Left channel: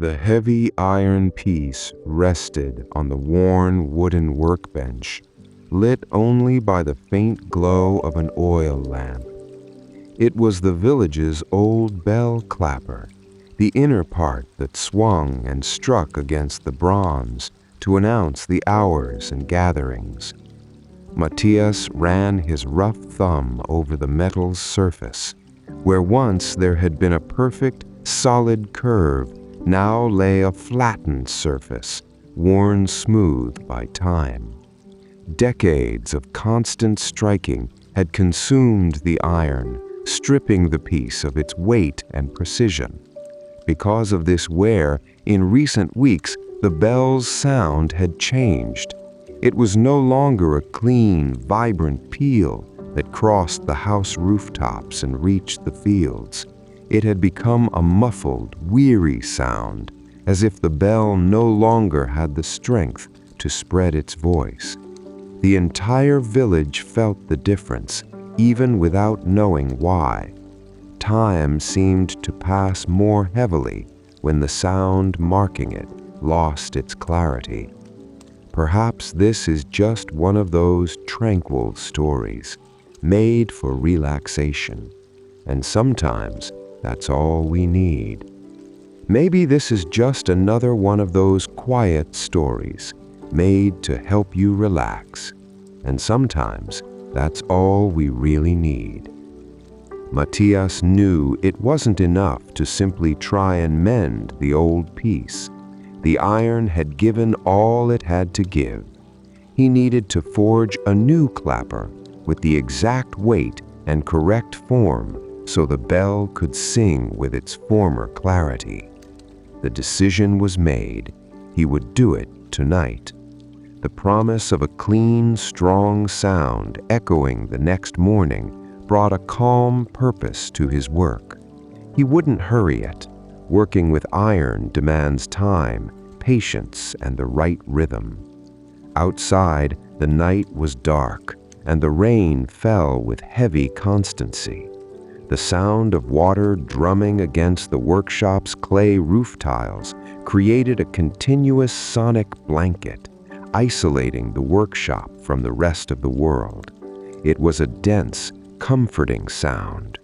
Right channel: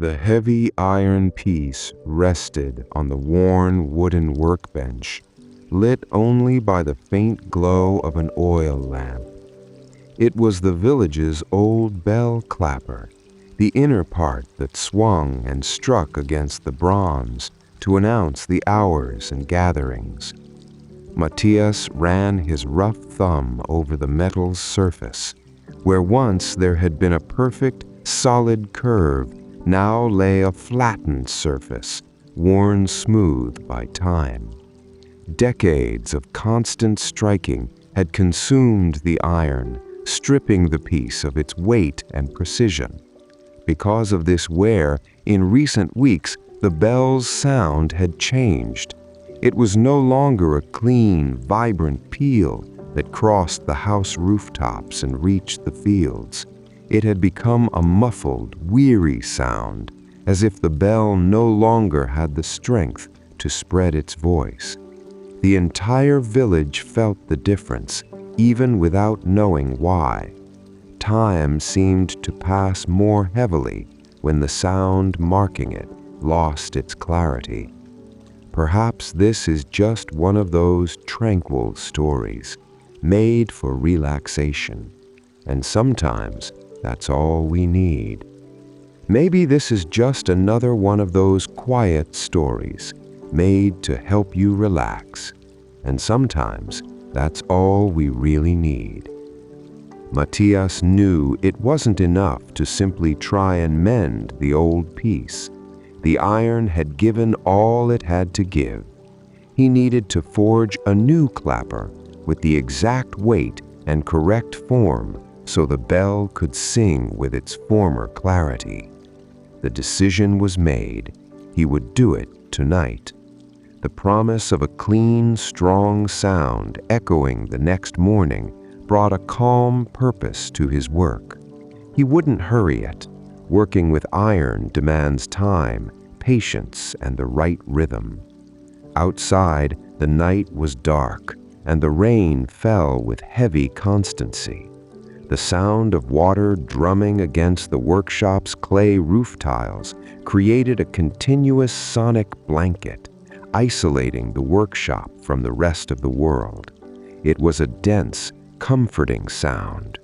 The heavy iron piece rested on the worn wooden workbench, lit only by the faint glow of an oil lamp. It was the village's old bell clapper, the inner part that swung and struck against the bronze to announce the hours and gatherings. Matias ran his rough thumb over the metal's surface. Where once there had been a perfect, solid curve, now lay a flattened surface, worn smooth by time. Decades of constant striking had consumed the iron, stripping the piece of its weight and precision. Because of this wear, in recent weeks, the bell's sound had changed. It was no longer a clean, vibrant peal that crossed the house rooftops and reached the fields. It had become a muffled, weary sound, as if the bell no longer had the strength to spread its voice. The entire village felt the difference, even without knowing why. Time seemed to pass more heavily when the sound marking it lost its clarity. Perhaps this is just one of those tranquil stories, made for relaxation, and sometimes that's all we need. Maybe this is just another one of those quiet stories, made to help you relax, and sometimes that's all we really need. Matias knew it wasn't enough to simply try and mend the old piece. The iron had given all it had to give. He needed to forge a new clapper with the exact weight and correct form so the bell could sing with its former clarity. The decision was made. He would do it tonight. The promise of a clean, strong sound echoing the next morning brought a calm purpose to his work. He wouldn't hurry it. Working with iron demands time, patience, and the right rhythm. Outside, the night was dark, and the rain fell with heavy constancy. The sound of water drumming against the workshop's clay roof tiles created a continuous sonic blanket, isolating the workshop from the rest of the world. It was a dense, comforting sound.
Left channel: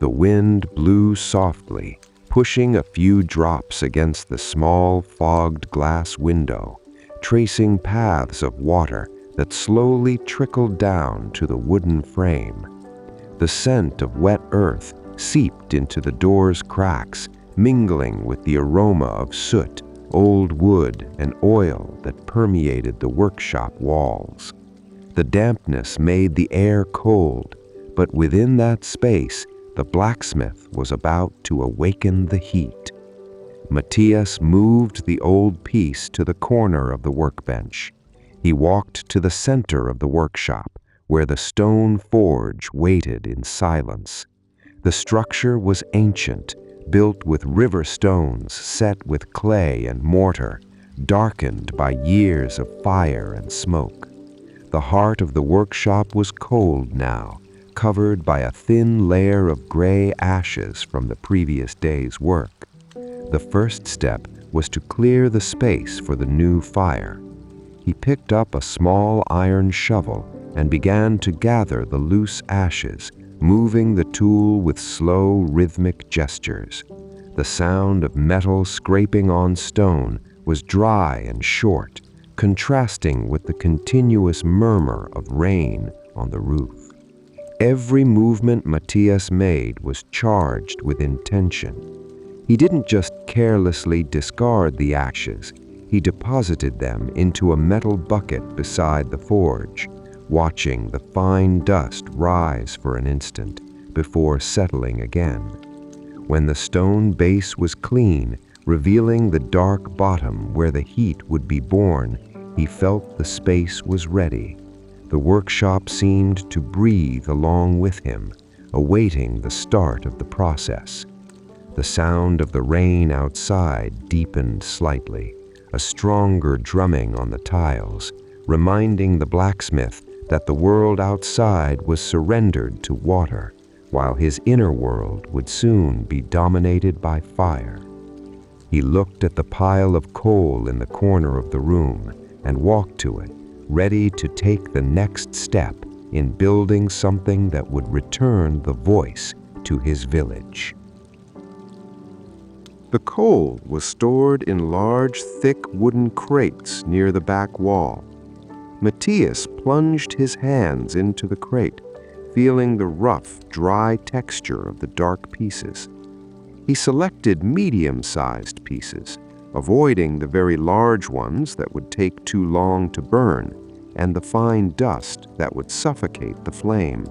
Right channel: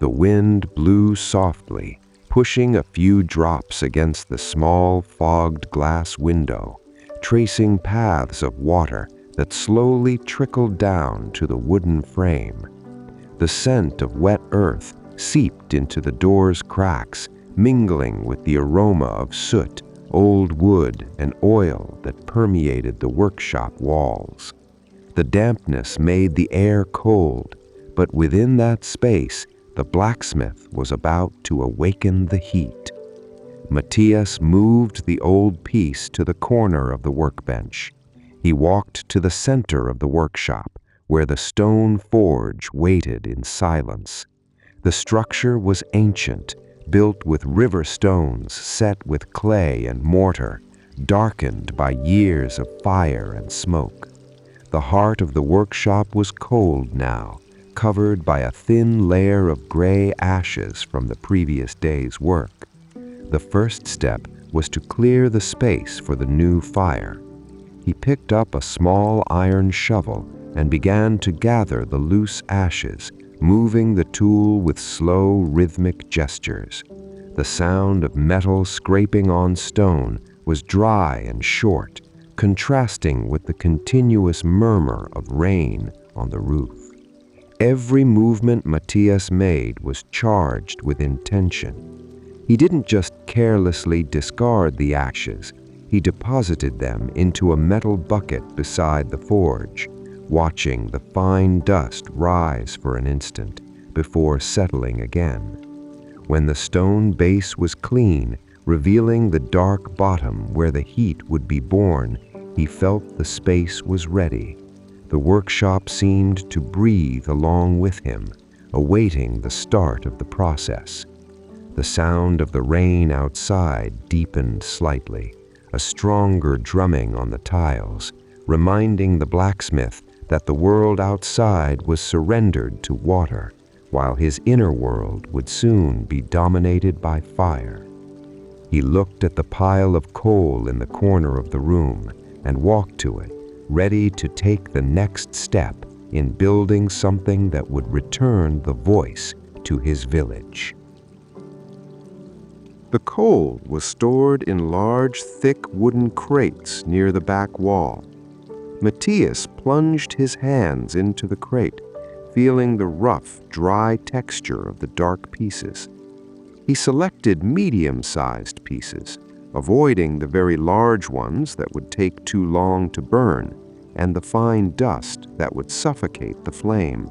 The wind blew softly, pushing a few drops against the small, fogged glass window, tracing paths of water that slowly trickled down to the wooden frame. The scent of wet earth seeped into the door's cracks, mingling with the aroma of soot, old wood, and oil that permeated the workshop walls. The dampness made the air cold, but within that space, the blacksmith was about to awaken the heat. Matias moved the old piece to the corner of the workbench. He walked to the center of the workshop, where the stone forge waited in silence. The structure was ancient, built with river stones set with clay and mortar, darkened by years of fire and smoke. The heart of the workshop was cold now, covered by a thin layer of gray ashes from the previous day's work. The first step was to clear the space for the new fire. He picked up a small iron shovel and began to gather the loose ashes, moving the tool with slow, rhythmic gestures. The sound of metal scraping on stone was dry and short, contrasting with the continuous murmur of rain on the roof. Every movement Matias made was charged with intention. He didn't just carelessly discard the ashes, he deposited them into a metal bucket beside the forge, watching the fine dust rise for an instant before settling again. When the stone base was clean, revealing the dark bottom where the heat would be born, he felt the space was ready. The workshop seemed to breathe along with him, awaiting the start of the process. The sound of the rain outside deepened slightly, a stronger drumming on the tiles, reminding the blacksmith that the world outside was surrendered to water, while his inner world would soon be dominated by fire. He looked at the pile of coal in the corner of the room and walked to it, ready to take the next step in building something that would return the voice to his village. The coal was stored in large, thick wooden crates near the back wall. Matias plunged his hands into the crate, feeling the rough, dry texture of the dark pieces. He selected medium-sized pieces, avoiding the very large ones that would take too long to burn and the fine dust that would suffocate the flame.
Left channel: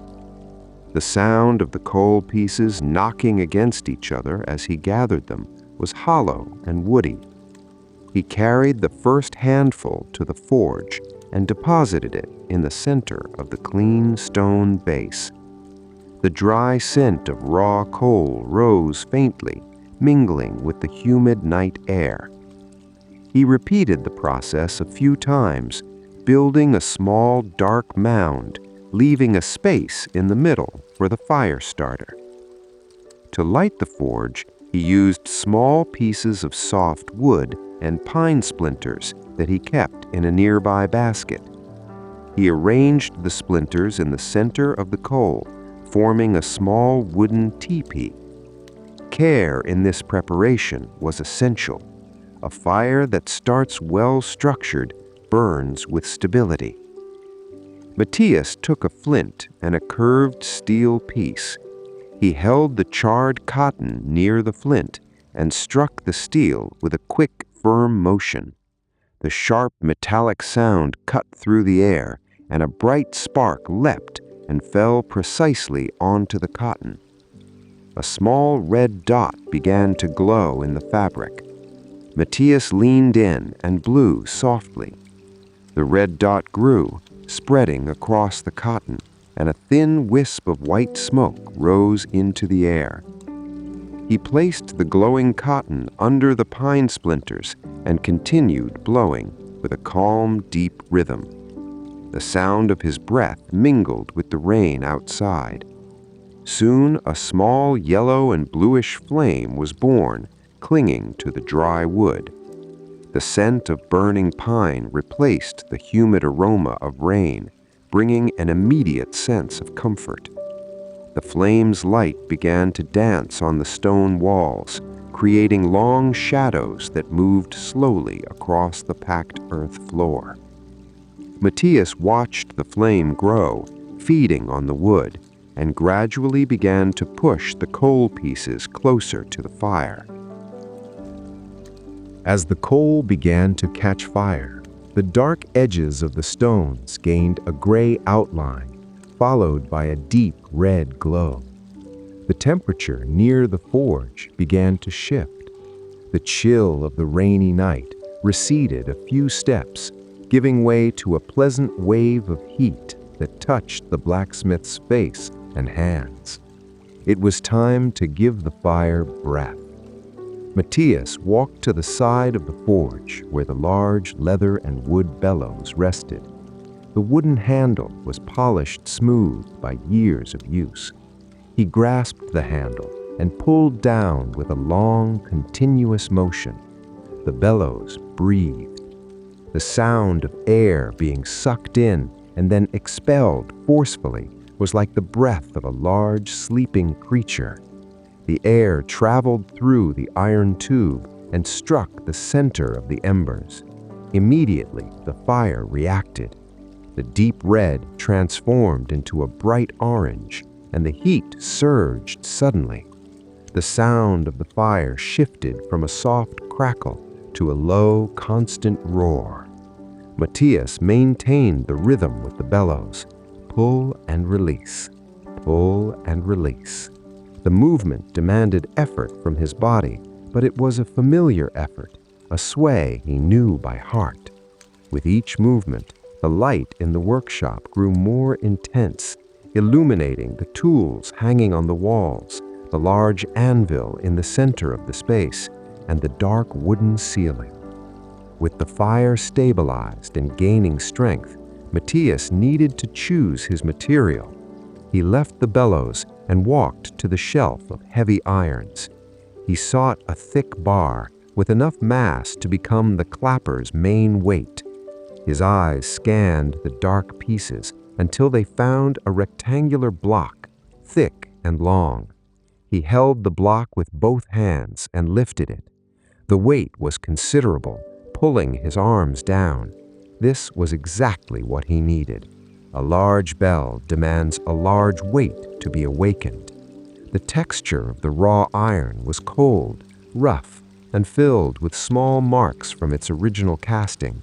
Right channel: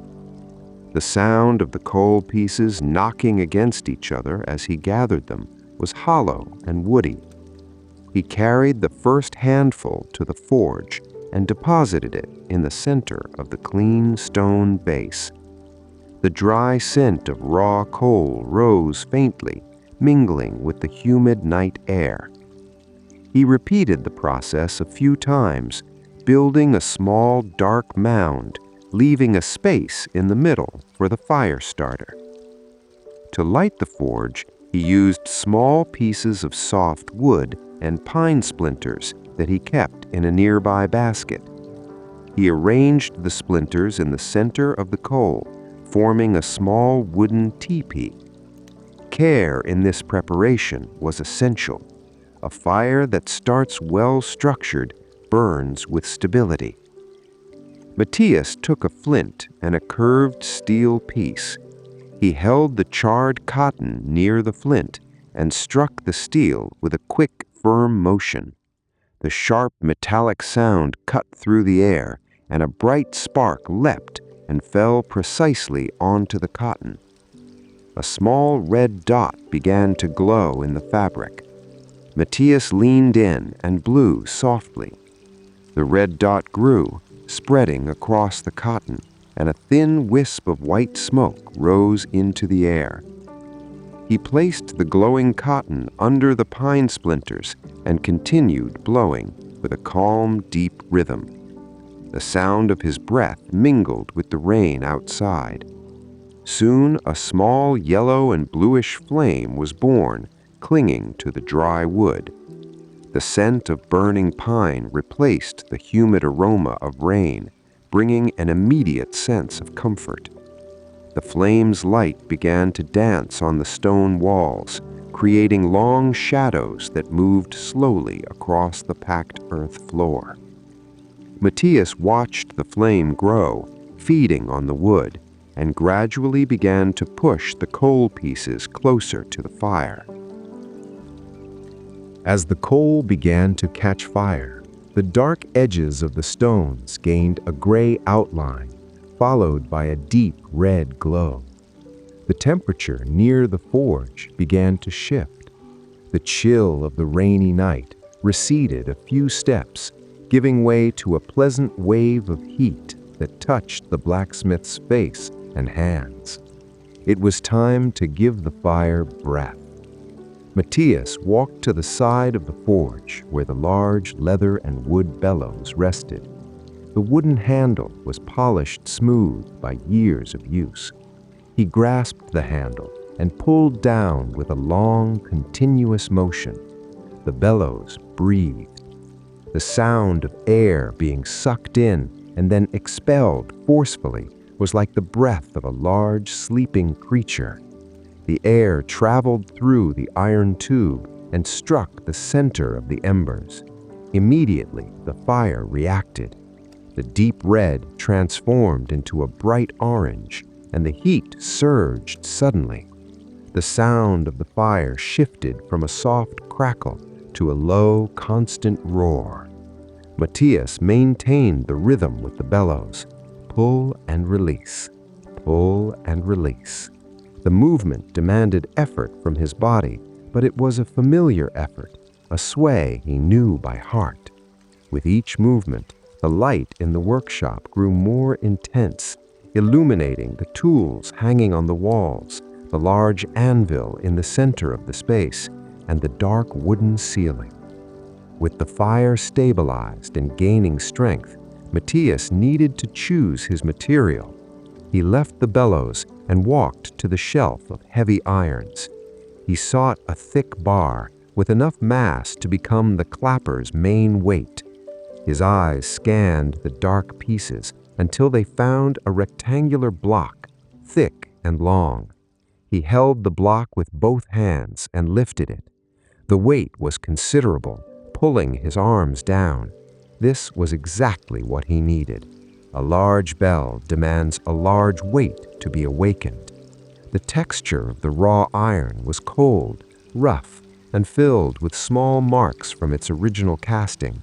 The sound of the coal pieces knocking against each other as he gathered them was hollow and woody. He carried the first handful to the forge and deposited it in the center of the clean stone base. The dry scent of raw coal rose faintly, mingling with the humid night air. He repeated the process a few times, building a small dark mound, leaving a space in the middle for the fire starter. To light the forge, he used small pieces of soft wood and pine splinters that he kept in a nearby basket. He arranged the splinters in the center of the coal, forming a small wooden teepee. Care in this preparation was essential. A fire that starts well-structured burns with stability. Matias took a flint and a curved steel piece. He held the charred cotton near the flint and struck the steel with a quick, firm motion. The sharp metallic sound cut through the air, and a bright spark leapt and fell precisely onto the cotton. A small red dot began to glow in the fabric. Matias leaned in and blew softly. The red dot grew, spreading across the cotton, and a thin wisp of white smoke rose into the air. He placed the glowing cotton under the pine splinters and continued blowing with a calm, deep rhythm. The sound of his breath mingled with the rain outside. Soon a small yellow and bluish flame was born, clinging to the dry wood. The scent of burning pine replaced the humid aroma of rain, bringing an immediate sense of comfort. The flame's light began to dance on the stone walls, creating long shadows that moved slowly across the packed earth floor. Matias watched the flame grow, feeding on the wood, and gradually began to push the coal pieces closer to the fire. As the coal began to catch fire, the dark edges of the stones gained a gray outline, followed by a deep red glow. The temperature near the forge began to shift. The chill of the rainy night receded a few steps, giving way to a pleasant wave of heat that touched the blacksmith's face and hands. It was time to give the fire breath. Matias walked to the side of the forge where the large leather and wood bellows rested. The wooden handle was polished smooth by years of use. He grasped the handle and pulled down with a long, continuous motion. The bellows breathed. The sound of air being sucked in and then expelled forcefully was like the breath of a large, sleeping creature. The air traveled through the iron tube and struck the center of the embers. Immediately, the fire reacted. The deep red transformed into a bright orange, and the heat surged suddenly. The sound of the fire shifted from a soft crackle to a low, constant roar. Matias maintained the rhythm with the bellows. Pull and release, pull and release. The movement demanded effort from his body, but it was a familiar effort, a sway he knew by heart. With each movement, the light in the workshop grew more intense, illuminating the tools hanging on the walls, the large anvil in the center of the space, and the dark wooden ceiling. With the fire stabilized and gaining strength, Matias needed to choose his material. He left the bellows and walked to the shelf of heavy irons. He sought a thick bar with enough mass to become the clapper's main weight. His eyes scanned the dark pieces until they found a rectangular block, thick and long. He held the block with both hands and lifted it. The weight was considerable, pulling his arms down. This was exactly what he needed. A large bell demands a large weight to be awakened. The texture of the raw iron was cold, rough, and filled with small marks from its original casting.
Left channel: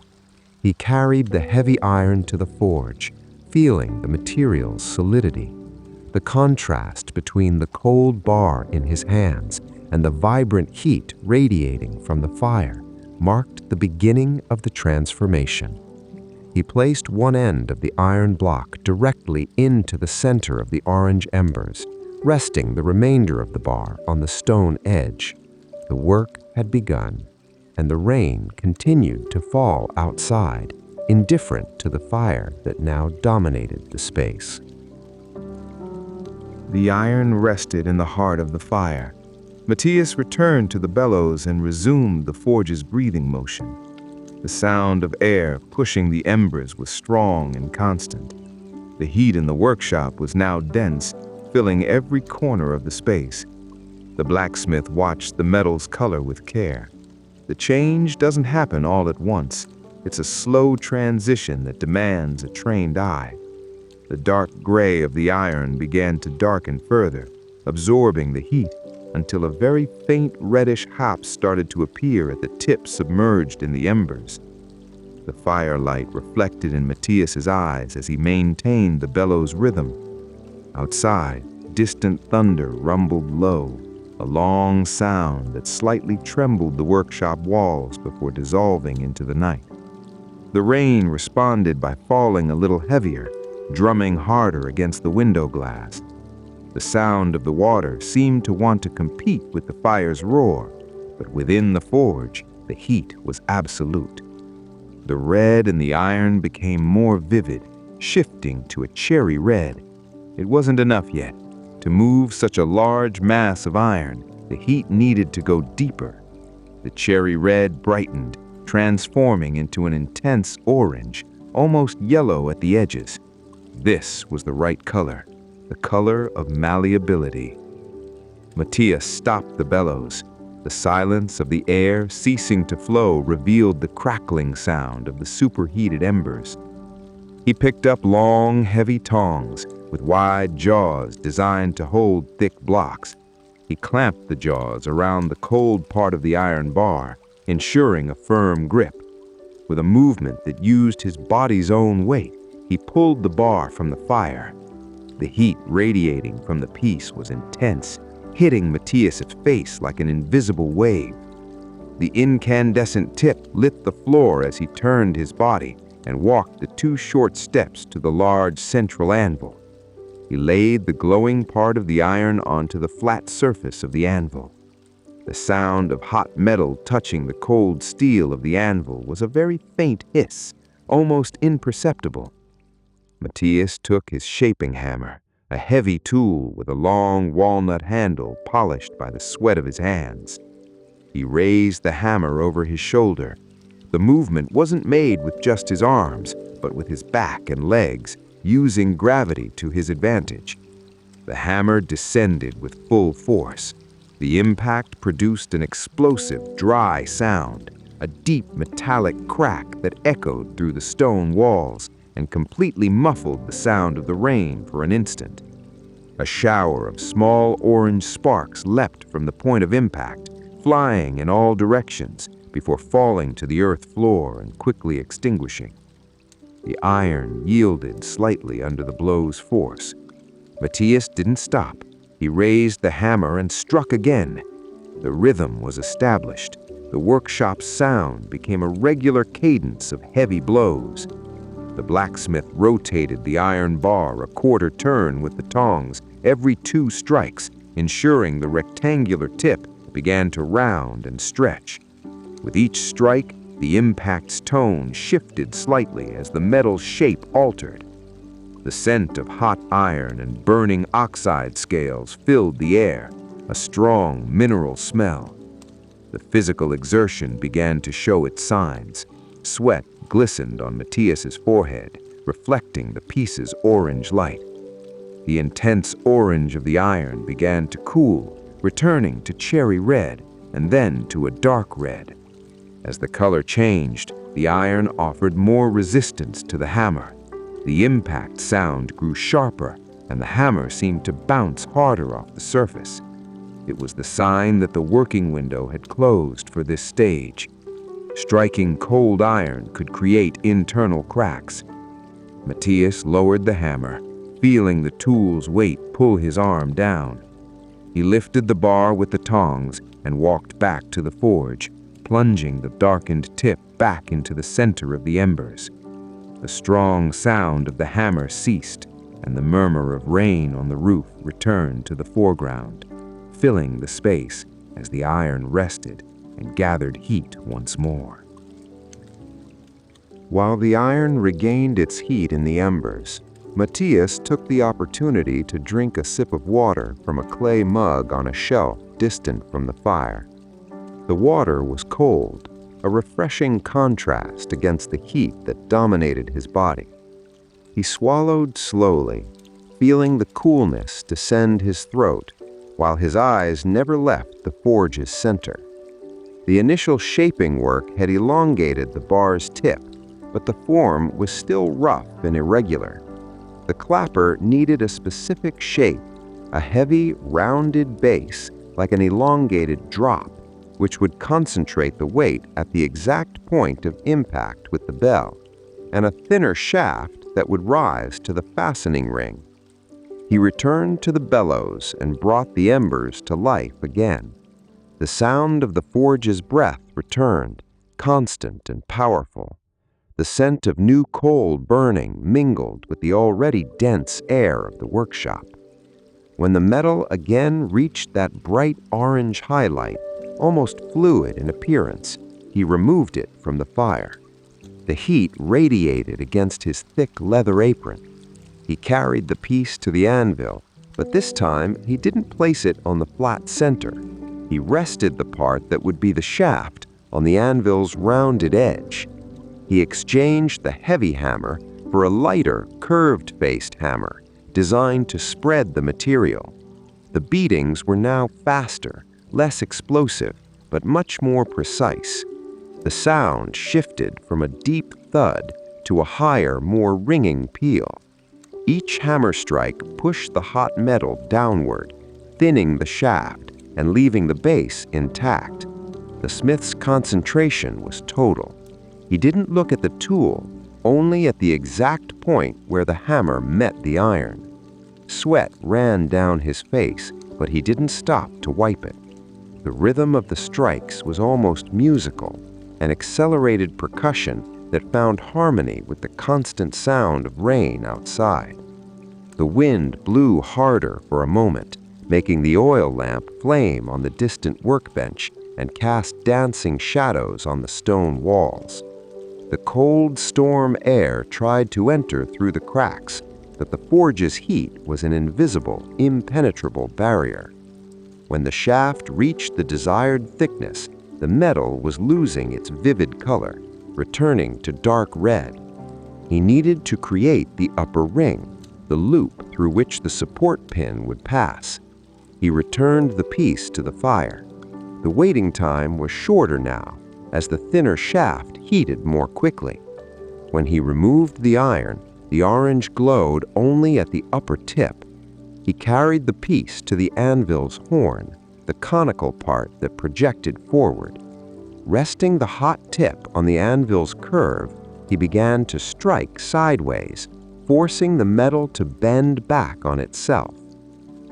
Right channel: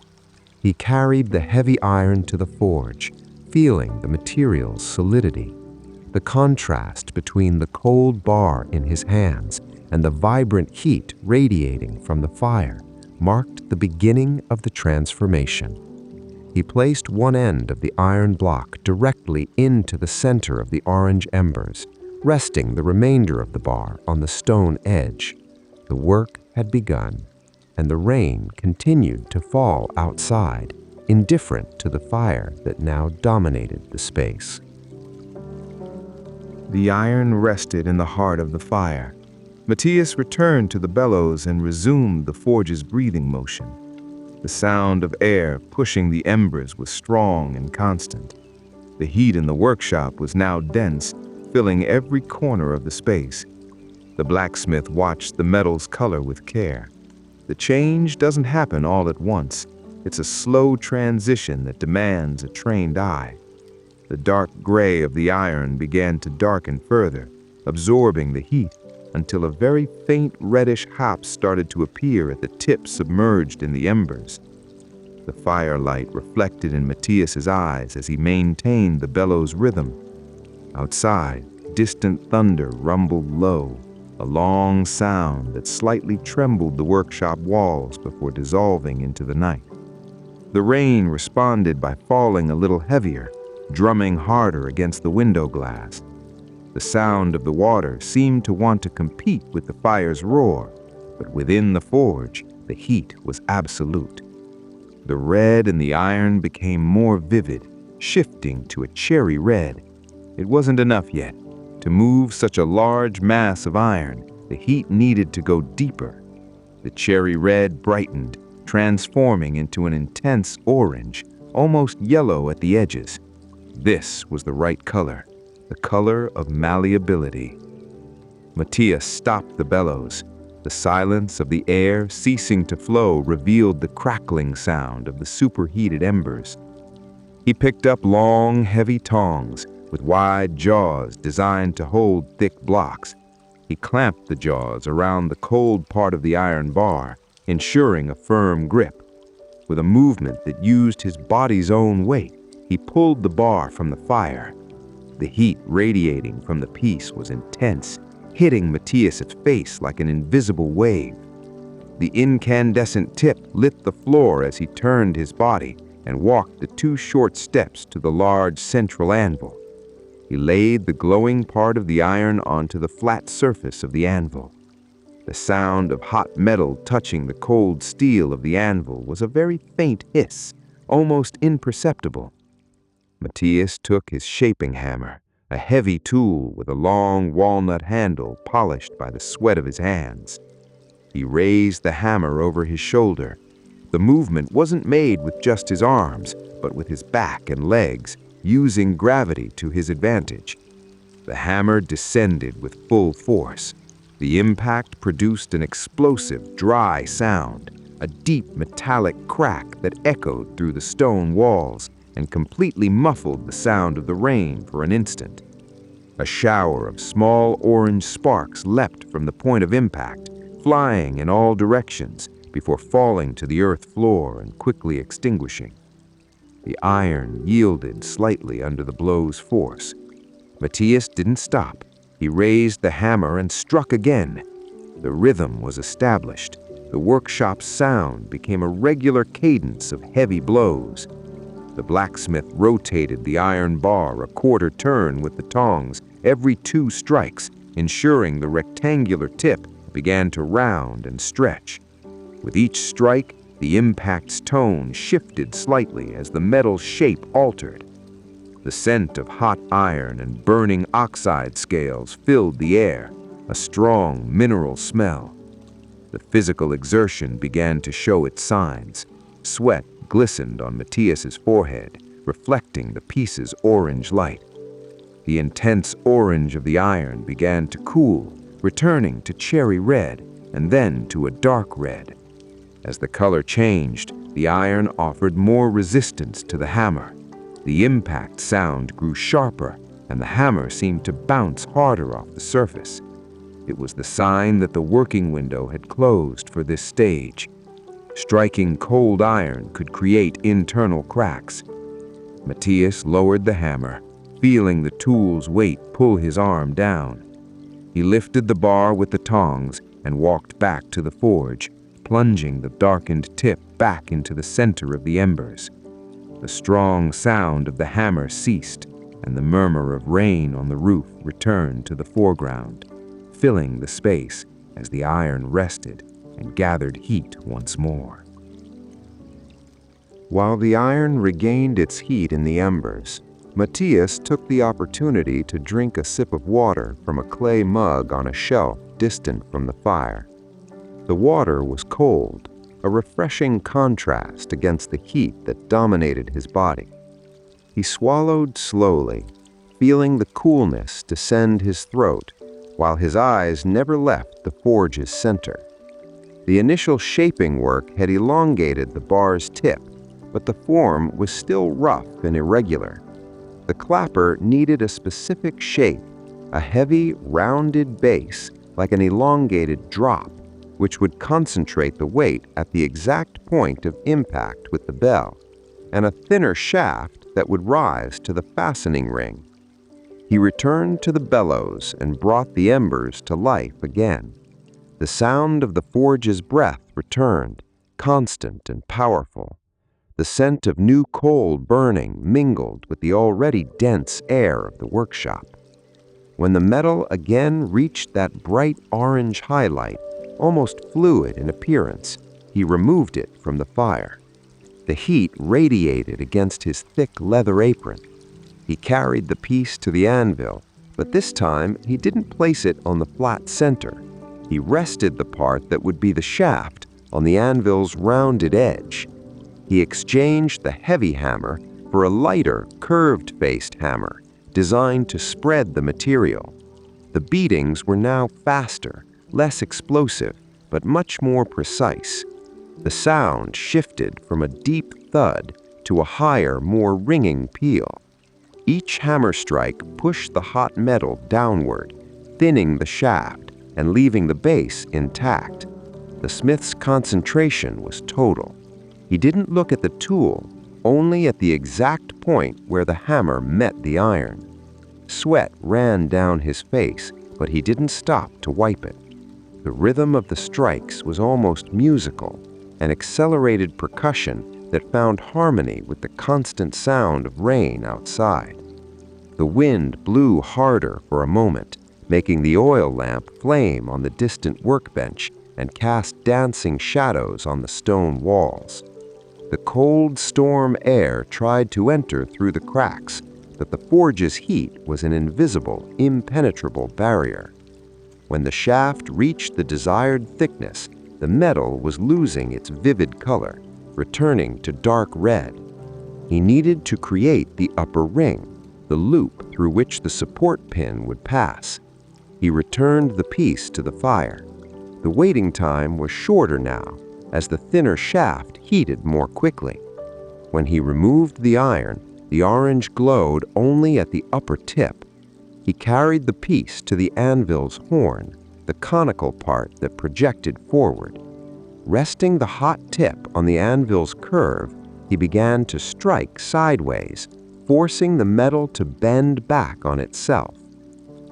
He carried the heavy iron to the forge, feeling the material's solidity. The contrast between the cold bar in his hands and the vibrant heat radiating from the fire marked the beginning of the transformation. He placed one end of the iron block directly into the center of the orange embers, resting the remainder of the bar on the stone edge. The work had begun, and the rain continued to fall outside, indifferent to the fire that now dominated the space. The iron rested in the heart of the fire. Matias returned to the bellows and resumed the forge's breathing motion. The sound of air pushing the embers was strong and constant. The heat in the workshop was now dense, filling every corner of the space. The blacksmith watched the metal's color with care. The change doesn't happen all at once. It's a slow transition that demands a trained eye. The dark gray of the iron began to darken further, absorbing the heat, until a very faint reddish hop started to appear at the tip submerged in the embers. The firelight reflected in Matias's eyes as he maintained the bellows rhythm. Outside, distant thunder rumbled low, a long sound that slightly trembled the workshop walls before dissolving into the night. The rain responded by falling a little heavier, drumming harder against the window glass. The sound of the water seemed to want to compete with the fire's roar, but within the forge, the heat was absolute. The red in the iron became more vivid, shifting to a cherry red. It wasn't enough yet. To move such a large mass of iron, the heat needed to go deeper. The cherry red brightened, transforming into an intense orange, almost yellow at the edges. This was the right color, the color of malleability. Matias stopped the bellows. The silence of the air ceasing to flow revealed the crackling sound of the superheated embers. He picked up long, heavy tongs with wide jaws designed to hold thick blocks. He clamped the jaws around the cold part of the iron bar, ensuring a firm grip. With a movement that used his body's own weight, he pulled the bar from the fire. The heat radiating from the piece was intense, hitting Matias's face like an invisible wave. The incandescent tip lit the floor as he turned his body and walked the 2 short steps to the large central anvil. He laid the glowing part of the iron onto the flat surface of the anvil. The sound of hot metal touching the cold steel of the anvil was a very faint hiss, almost imperceptible. Matias took his shaping hammer, a heavy tool with a long walnut handle polished by the sweat of his hands. He raised the hammer over his shoulder. The movement wasn't made with just his arms, but with his back and legs, using gravity to his advantage. The hammer descended with full force. The impact produced an explosive, dry sound, a deep metallic crack that echoed through the stone walls and completely muffled the sound of the rain for an instant. A shower of small orange sparks leapt from the point of impact, flying in all directions before falling to the earth floor and quickly extinguishing. The iron yielded slightly under the blow's force. Matias didn't stop. He raised the hammer and struck again. The rhythm was established. The workshop's sound became a regular cadence of heavy blows. The blacksmith rotated the iron bar a quarter turn with the tongs every 2 strikes, ensuring the rectangular tip began to round and stretch. With each strike, the impact's tone shifted slightly as the metal's shape altered. The scent of hot iron and burning oxide scales filled the air, a strong mineral smell. The physical exertion began to show its signs. Sweat glistened on Matias's forehead, reflecting the piece's orange light. The intense orange of the iron began to cool, returning to cherry red and then to a dark red. As the color changed, the iron offered more resistance to the hammer. The impact sound grew sharper, and the hammer seemed to bounce harder off the surface. It was the sign that the working window had closed for this stage. Striking cold iron could create internal cracks. Matias lowered the hammer, feeling the tool's weight pull his arm down. He lifted the bar with the tongs and walked back to the forge, plunging the darkened tip back into the center of the embers. The strong sound of the hammer ceased, and the murmur of rain on the roof returned to the foreground, filling the space as the iron rested and gathered heat once more. While the iron regained its heat in the embers, Matias took the opportunity to drink a sip of water from a clay mug on a shelf distant from the fire. The water was cold, a refreshing contrast against the heat that dominated his body. He swallowed slowly, feeling the coolness descend his throat, while his eyes never left the forge's center. The initial shaping work had elongated the bar's tip, but the form was still rough and irregular. The clapper needed a specific shape, a heavy, rounded base like an elongated drop, which would concentrate the weight at the exact point of impact with the bell, and a thinner shaft that would rise to the fastening ring. He returned to the bellows and brought the embers to life again. The sound of the forge's breath returned, constant and powerful. The scent of new coal burning mingled with the already dense air of the workshop. When the metal again reached that bright orange highlight, almost fluid in appearance, he removed it from the fire. The heat radiated against his thick leather apron. He carried the piece to the anvil, but this time he didn't place it on the flat center. He rested the part that would be the shaft on the anvil's rounded edge. He exchanged the heavy hammer for a lighter, curved-faced hammer designed to spread the material. The beatings were now faster, less explosive, but much more precise. The sound shifted from a deep thud to a higher, more ringing peal. Each hammer strike pushed the hot metal downward, thinning the shaft and leaving the base intact. The smith's concentration was total. He didn't look at the tool, only at the exact point where the hammer met the iron. Sweat ran down his face, but he didn't stop to wipe it. The rhythm of the strikes was almost musical, an accelerated percussion that found harmony with the constant sound of rain outside. The wind blew harder for a moment, making the oil lamp flame on the distant workbench and cast dancing shadows on the stone walls. The cold storm air tried to enter through the cracks, but the forge's heat was an invisible, impenetrable barrier. When the shaft reached the desired thickness, the metal was losing its vivid color, returning to dark red. He needed to create the upper ring, the loop through which the support pin would pass. He returned the piece to the fire. The waiting time was shorter now, as the thinner shaft heated more quickly. When he removed the iron, the orange glowed only at the upper tip. He carried the piece to the anvil's horn, the conical part that projected forward. Resting the hot tip on the anvil's curve, he began to strike sideways, forcing the metal to bend back on itself.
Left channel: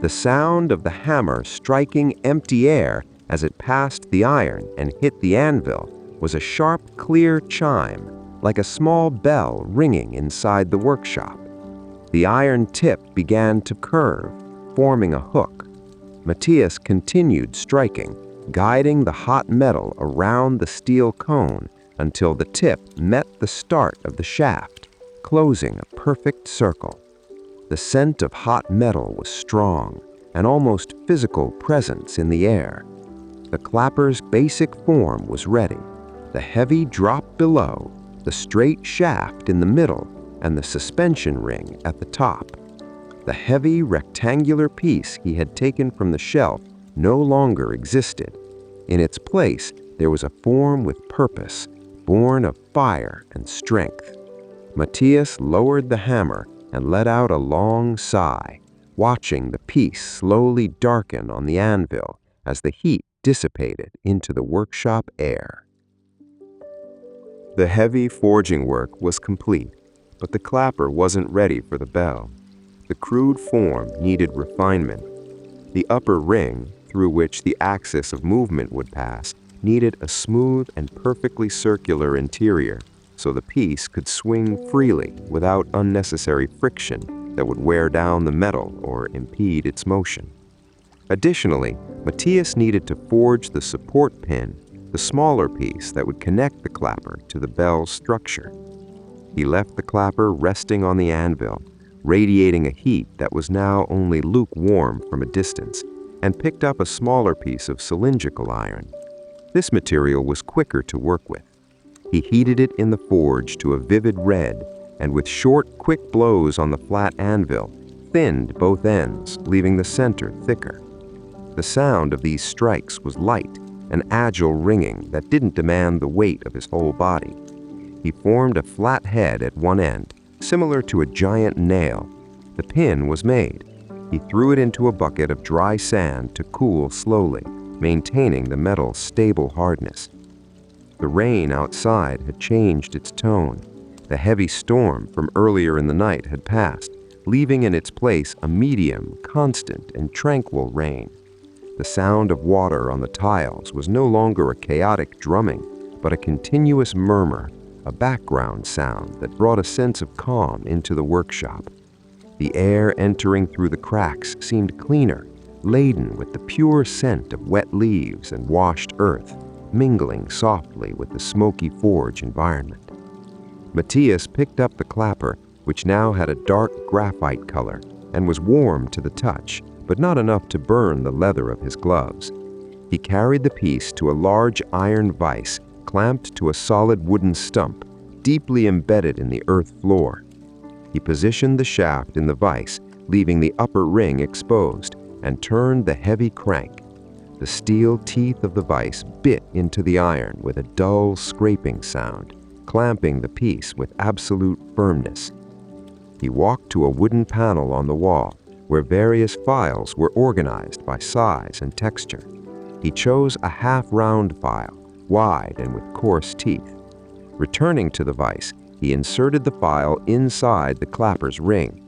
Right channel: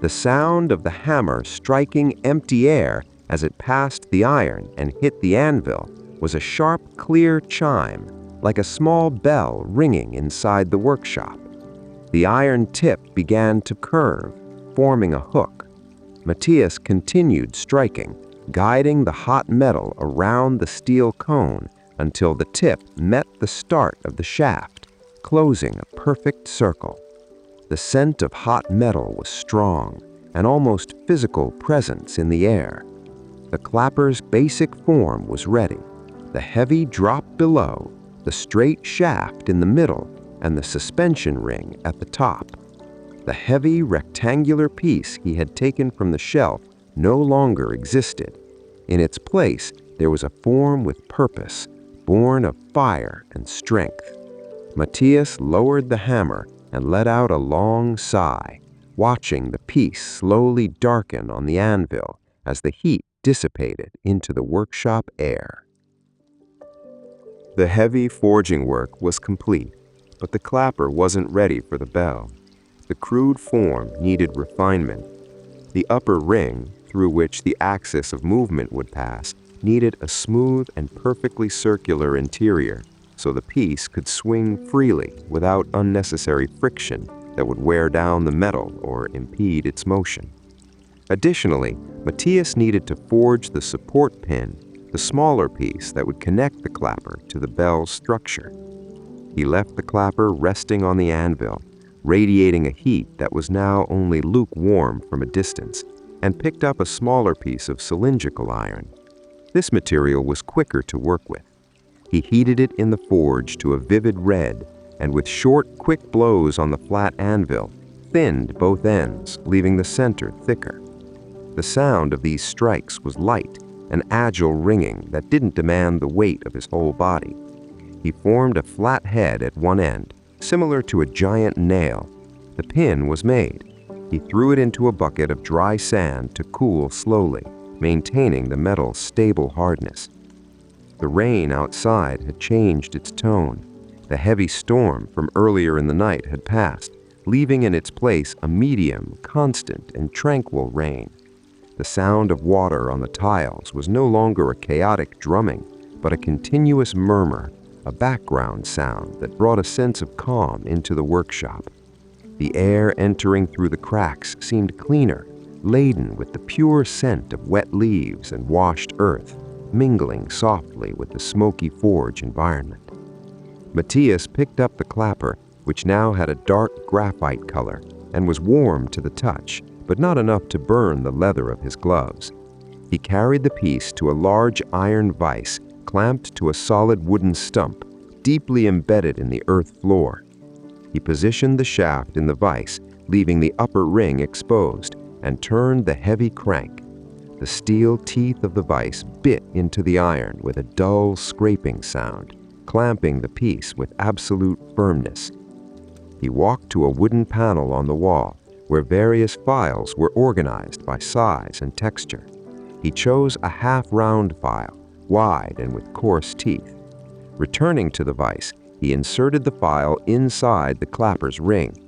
The sound of the hammer striking empty air as it passed the iron and hit the anvil was a sharp, clear chime, like a small bell ringing inside the workshop. The iron tip began to curve, forming a hook. Matias continued striking, guiding the hot metal around the steel cone until the tip met the start of the shaft, closing a perfect circle. The scent of hot metal was strong, an almost physical presence in the air. The clapper's basic form was ready. The heavy drop below, the straight shaft in the middle, and the suspension ring at the top. The heavy rectangular piece he had taken from the shelf no longer existed. In its place, there was a form with purpose, born of fire and strength. Matias lowered the hammer and let out a long sigh, watching the piece slowly darken on the anvil as the heat dissipated into the workshop air. The heavy forging work was complete, but the clapper wasn't ready for the bell. The crude form needed refinement. The upper ring, through which the axis of movement would pass, needed a smooth and perfectly circular interior, so the piece could swing freely without unnecessary friction that would wear down the metal or impede its motion. Additionally, Matias needed to forge the support pin, the smaller piece that would connect the clapper to the bell's structure. He left the clapper resting on the anvil, radiating a heat that was now only lukewarm from a distance, and picked up a smaller piece of cylindrical iron. This material was quicker to work with. He heated it in the forge to a vivid red, and with short, quick blows on the flat anvil, thinned both ends, leaving the center thicker. The sound of these strikes was light, an agile ringing that didn't demand the weight of his whole body. He formed a flat head at one end, similar to a giant nail. The pin was made. He threw it into a bucket of dry sand to cool slowly, maintaining the metal's stable hardness. The rain outside had changed its tone. The heavy storm from earlier in the night had passed, leaving in its place a medium, constant, and tranquil rain. The sound of water on the tiles was no longer a chaotic drumming, but a continuous murmur, a background sound that brought a sense of calm into the workshop. The air entering through the cracks seemed cleaner, laden with the pure scent of wet leaves and washed earth, mingling softly with the smoky forge environment. Matias picked up the clapper, which now had a dark graphite color and was warm to the touch, but not enough to burn the leather of his gloves. He carried the piece to a large iron vise clamped to a solid wooden stump, deeply embedded in the earth floor. He positioned the shaft in the vise, leaving the upper ring exposed, and turned the heavy crank. The steel teeth of the vise bit into the iron with a dull scraping sound, clamping the piece with absolute firmness. He walked to a wooden panel on the wall, where various files were organized by size and texture. He chose a half-round file, wide and with coarse teeth. Returning to the vise, he inserted the file inside the clapper's ring.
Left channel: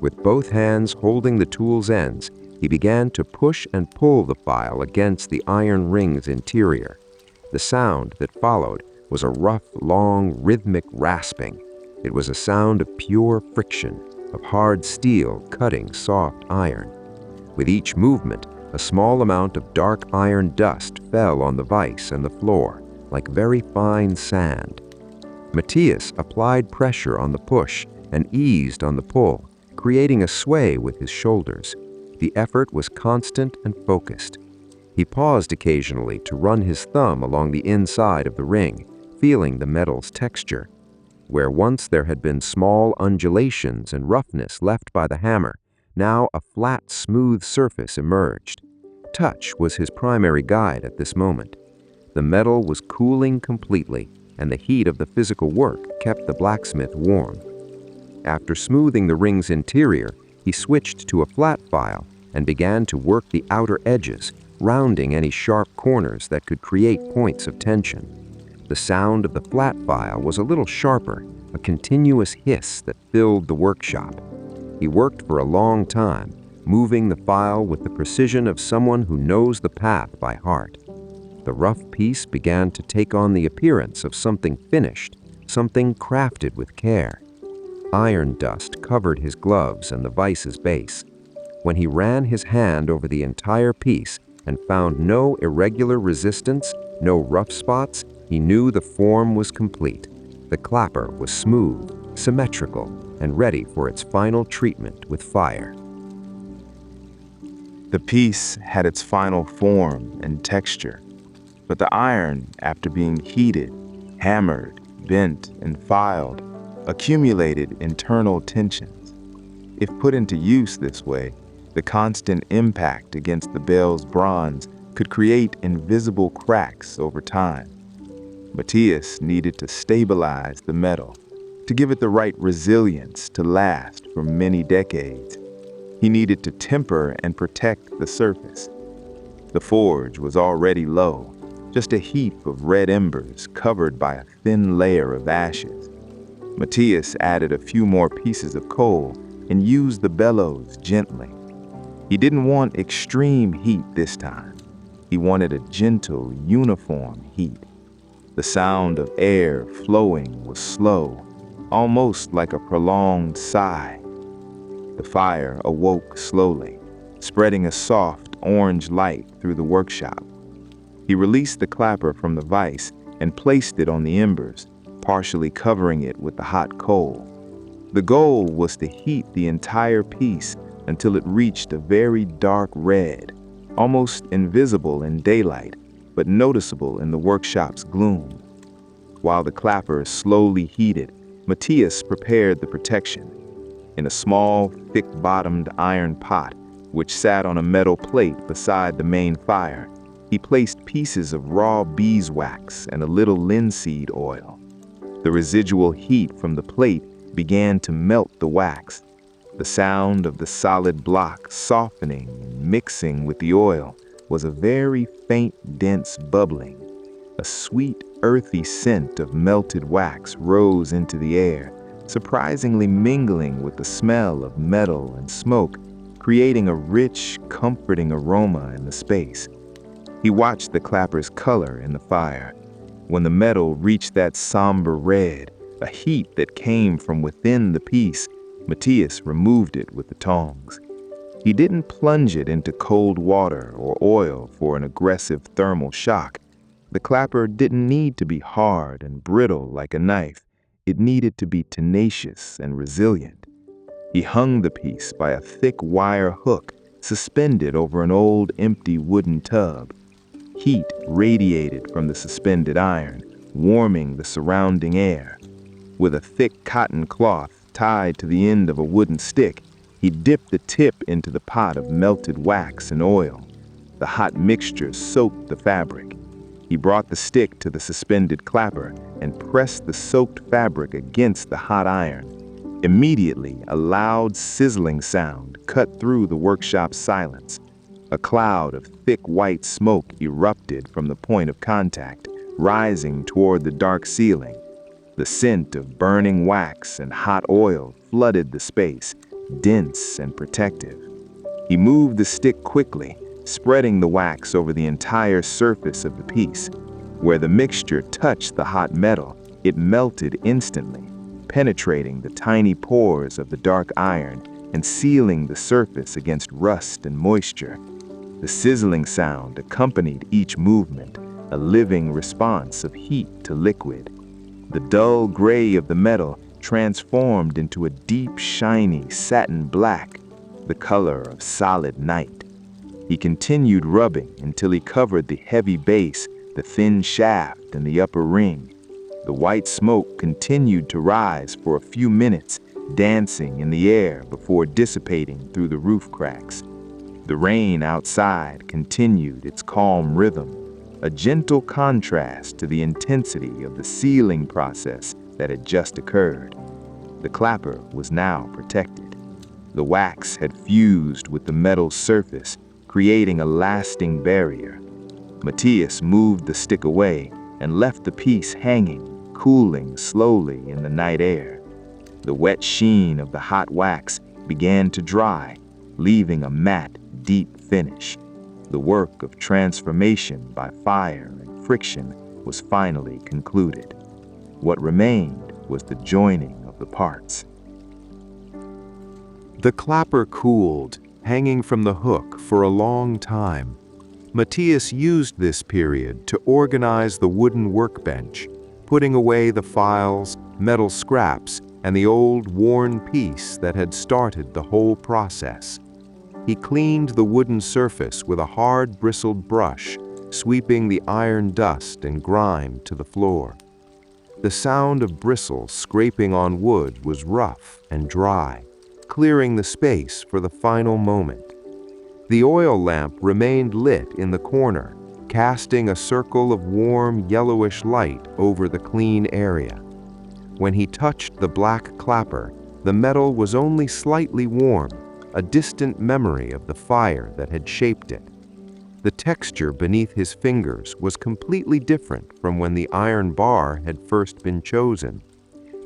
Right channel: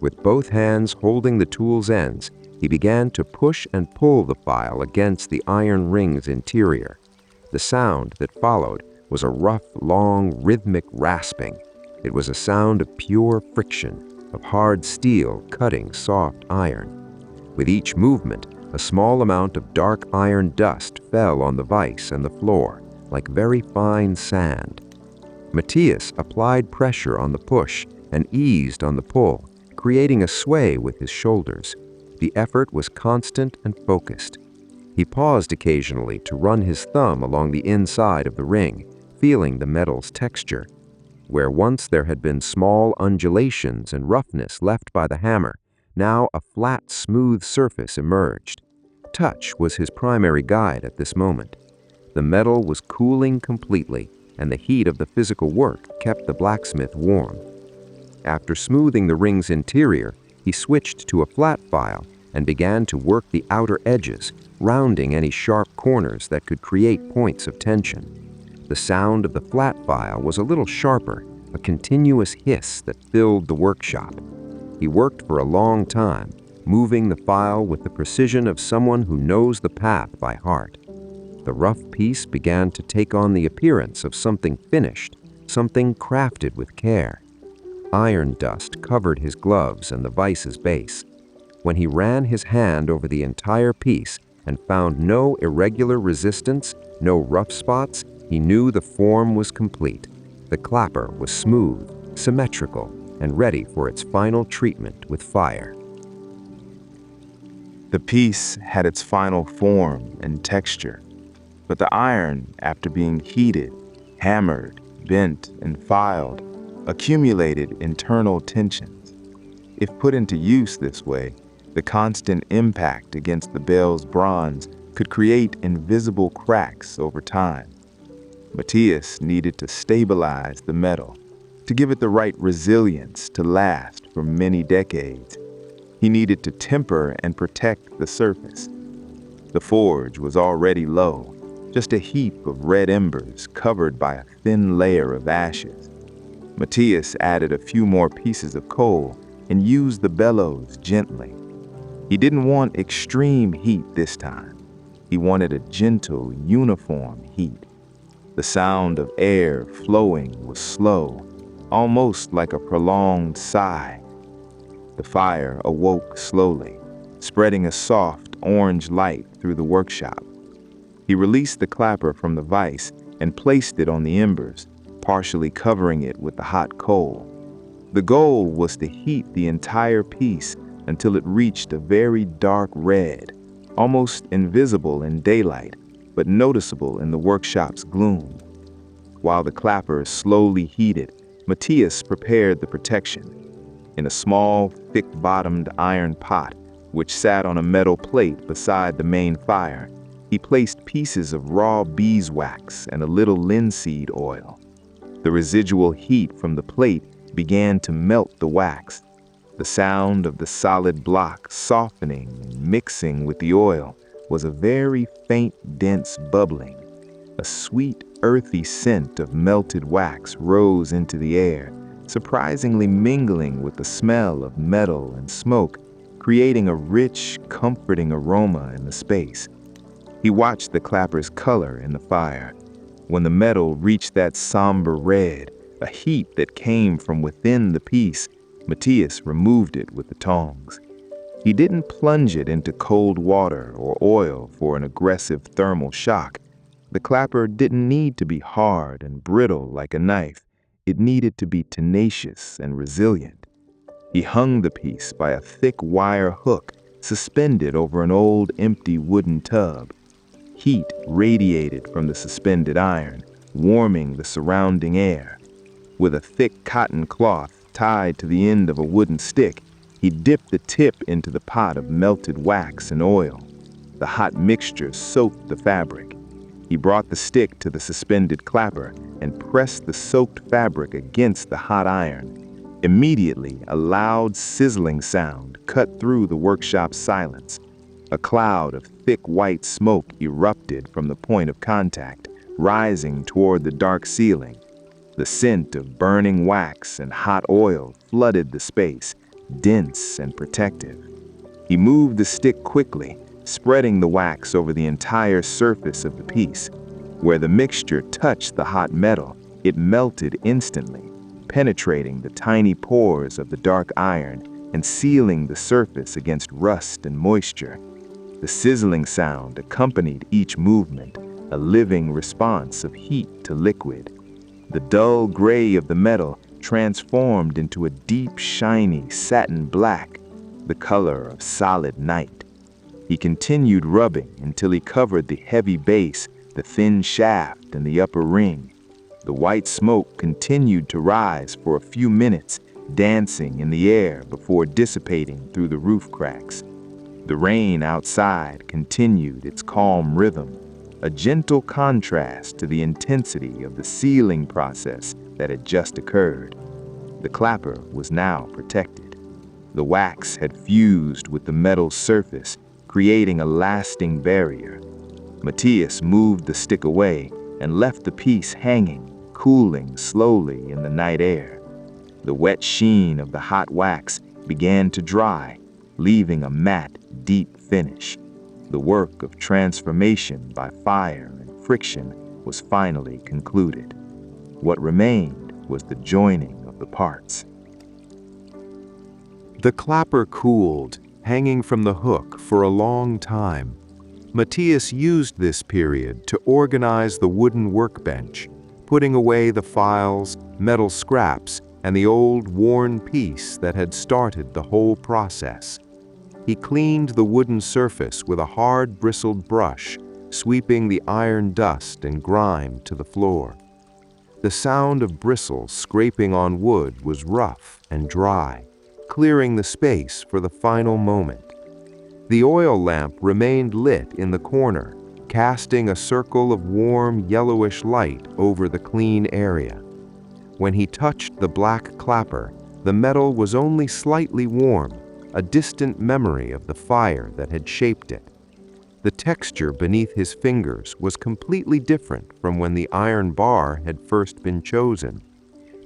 With both hands holding the tool's ends, he began to push and pull the file against the iron ring's interior. The sound that followed was a rough, long, rhythmic rasping. It was a sound of pure friction, of hard steel cutting soft iron. With each movement, a small amount of dark iron dust fell on the vise and the floor, like very fine sand. Matias applied pressure on the push and eased on the pull, creating a sway with his shoulders. The effort was constant and focused. He paused occasionally to run his thumb along the inside of the ring, feeling the metal's texture. Where once there had been small undulations and roughness left by the hammer, now a flat, smooth surface emerged. Touch was his primary guide at this moment. The metal was cooling completely, and the heat of the physical work kept the blacksmith warm. After smoothing the ring's interior, he switched to a flat file and began to work the outer edges, rounding any sharp corners that could create points of tension. The sound of the flat file was a little sharper, a continuous hiss that filled the workshop. He worked for a long time, moving the file with the precision of someone who knows the path by heart. The rough piece began to take on the appearance of something finished, something crafted with care. Iron dust covered his gloves and the vise's base. When he ran his hand over the entire piece and found no irregular resistance, no rough spots, he knew the form was complete. The clapper was smooth, symmetrical, and ready for its final treatment with fire. The piece had its final form and texture. But the iron, after being heated, hammered, bent, and filed, accumulated internal tensions. If put into use this way, the constant impact against the bell's bronze could create invisible cracks over time. Matias needed to stabilize the metal, to give it the right resilience to last for many decades. He needed to temper and protect the surface. The forge was already low, just a heap of red embers covered by a thin layer of ashes. Matias added a few more pieces of coal and used the bellows gently. He didn't want extreme heat this time. He wanted a gentle, uniform heat. The sound of air flowing was slow, almost like a prolonged sigh. The fire awoke slowly, spreading a soft orange light through the workshop. He released the clapper from the vise and placed it on the embers, partially covering it with the hot coal. The goal was to heat the entire piece until it reached a very dark red, almost invisible in daylight, but noticeable in the workshop's gloom. While the clapper slowly heated, Matias prepared the protection. In a small, thick-bottomed iron pot, which sat on a metal plate beside the main fire, he placed pieces of raw beeswax and a little linseed oil. The residual heat from the plate began to melt the wax. The sound of the solid block softening and mixing with the oil was a very faint, dense bubbling. A sweet, earthy scent of melted wax rose into the air, surprisingly mingling with the smell of metal and smoke, creating a rich, comforting aroma in the space. He watched the clapper's color in the fire. When the metal reached that somber red, a heat that came from within the piece, Matias removed it with the tongs. He didn't plunge it into cold water or oil for an aggressive thermal shock. The clapper didn't need to be hard and brittle like a knife. It needed to be tenacious and resilient. He hung the piece by a thick wire hook suspended over an old empty wooden tub. Heat radiated from the suspended iron, warming the surrounding air. With a thick cotton cloth tied to the end of a wooden stick, he dipped the tip into the pot of melted wax and oil. The hot mixture soaked the fabric. He brought the stick to the suspended clapper and pressed the soaked fabric against the hot iron. Immediately, a loud sizzling sound cut through the workshop's silence. A cloud of thick white smoke erupted from the point of contact, rising toward the dark ceiling. The scent of burning wax and hot oil flooded the space, dense and protective. He moved the stick quickly, spreading the wax over the entire surface of the piece. Where the mixture touched the hot metal, it melted instantly, penetrating the tiny pores of the dark iron and sealing the surface against rust and moisture. The sizzling sound accompanied each movement, a living response of heat to liquid. The dull gray of the metal transformed into a deep, shiny satin black, the color of solid night. He continued rubbing until he covered the heavy base, the thin shaft, and the upper ring. The white smoke continued to rise for a few minutes, dancing in the air before dissipating through the roof cracks. The rain outside continued its calm rhythm, a gentle contrast to the intensity of the sealing process that had just occurred. The clapper was now protected. The wax had fused with the metal surface, creating a lasting barrier. Matias moved the stick away and left the piece hanging, cooling slowly in the night air. The wet sheen of the hot wax began to dry, leaving a matte, deep finish. The work of transformation by fire and friction was finally concluded. What remained was the joining of the parts. The clapper cooled, hanging from the hook for a long time. Matias used this period to organize the wooden workbench, putting away the files, metal scraps, and the old worn piece that had started the whole process. He cleaned the wooden surface with a hard bristled brush, sweeping the iron dust and grime to the floor. The sound of bristles scraping on wood was rough and dry, clearing the space for the final moment. The oil lamp remained lit in the corner, casting a circle of warm yellowish light over the clean area. When he touched the black clapper, the metal was only slightly warm, a distant memory of the fire that had shaped it. The texture beneath his fingers was completely different from when the iron bar had first been chosen.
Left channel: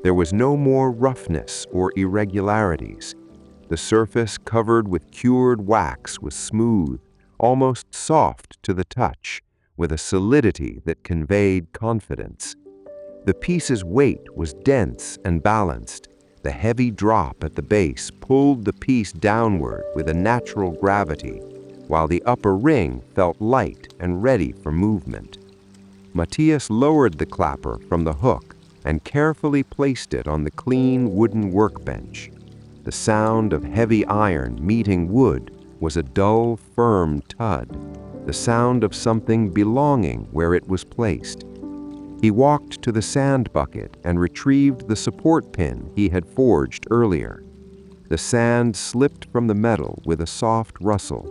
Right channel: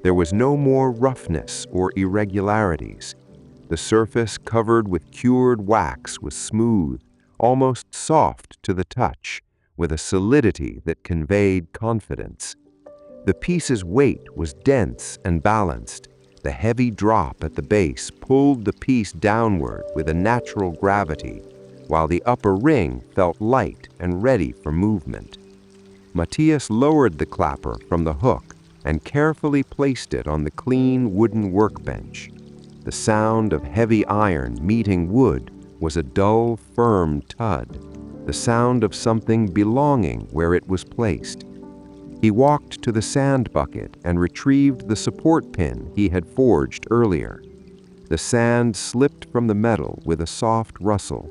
There was no more roughness or irregularities. The surface covered with cured wax was smooth, almost soft to the touch, with a solidity that conveyed confidence. The piece's weight was dense and balanced. The heavy drop at the base pulled the piece downward with a natural gravity, while the upper ring felt light and ready for movement. Matias lowered the clapper from the hook and carefully placed it on the clean wooden workbench. The sound of heavy iron meeting wood was a dull, firm thud, the sound of something belonging where it was placed. He walked to the sand bucket and retrieved the support pin he had forged earlier. The sand slipped from the metal with a soft rustle.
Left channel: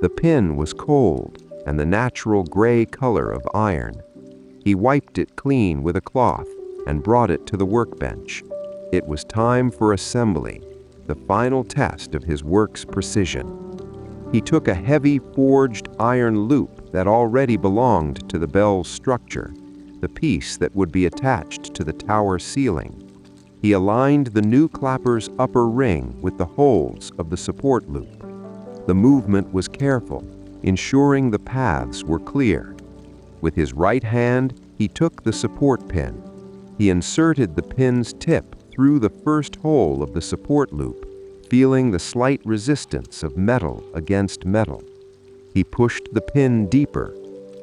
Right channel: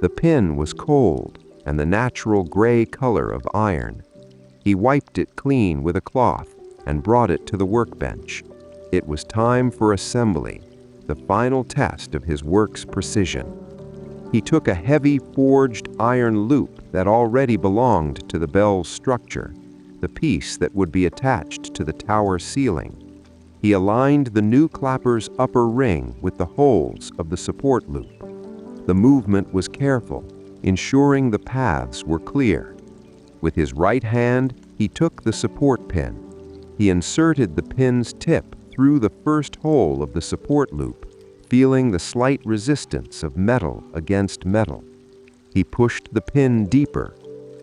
The pin was cold and the natural gray color of iron. He wiped it clean with a cloth and brought it to the workbench. It was time for assembly, the final test of his work's precision. He took a heavy forged iron loop that already belonged to the bell's structure, the piece that would be attached to the tower ceiling. He aligned the new clapper's upper ring with the holes of the support loop. The movement was careful, ensuring the paths were clear. With his right hand, he took the support pin. He inserted the pin's tip through the first hole of the support loop, feeling the slight resistance of metal against metal. He pushed the pin deeper.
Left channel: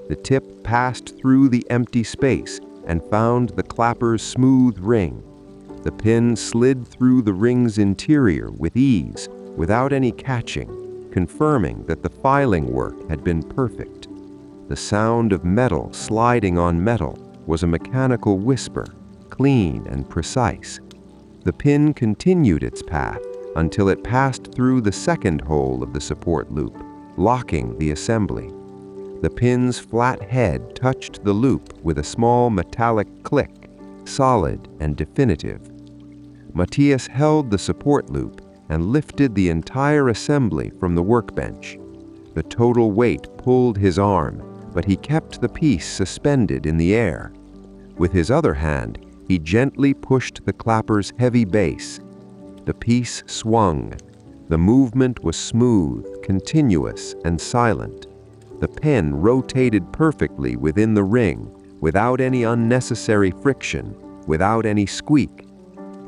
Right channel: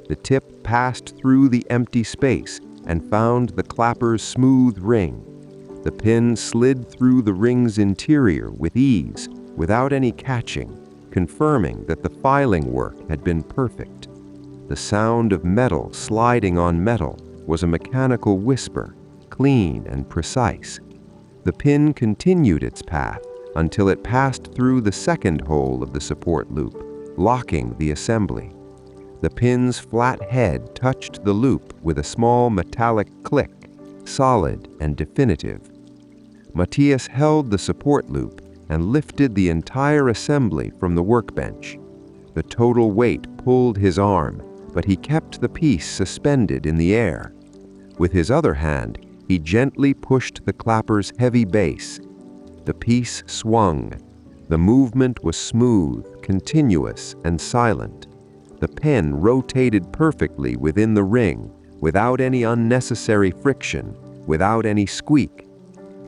The tip passed through the empty space and found the clapper's smooth ring. The pin slid through the ring's interior with ease, without any catching, confirming that the filing work had been perfect. The sound of metal sliding on metal was a mechanical whisper, clean and precise. The pin continued its path until it passed through the second hole of the support loop, locking the assembly. The pin's flat head touched the loop with a small metallic click, solid and definitive. Matias held the support loop and lifted the entire assembly from the workbench. The total weight pulled his arm, but he kept the piece suspended in the air. With his other hand, he gently pushed the clapper's heavy base. The piece swung. The movement was smooth, continuous, and silent. The pen rotated perfectly within the ring, without any unnecessary friction, without any squeak.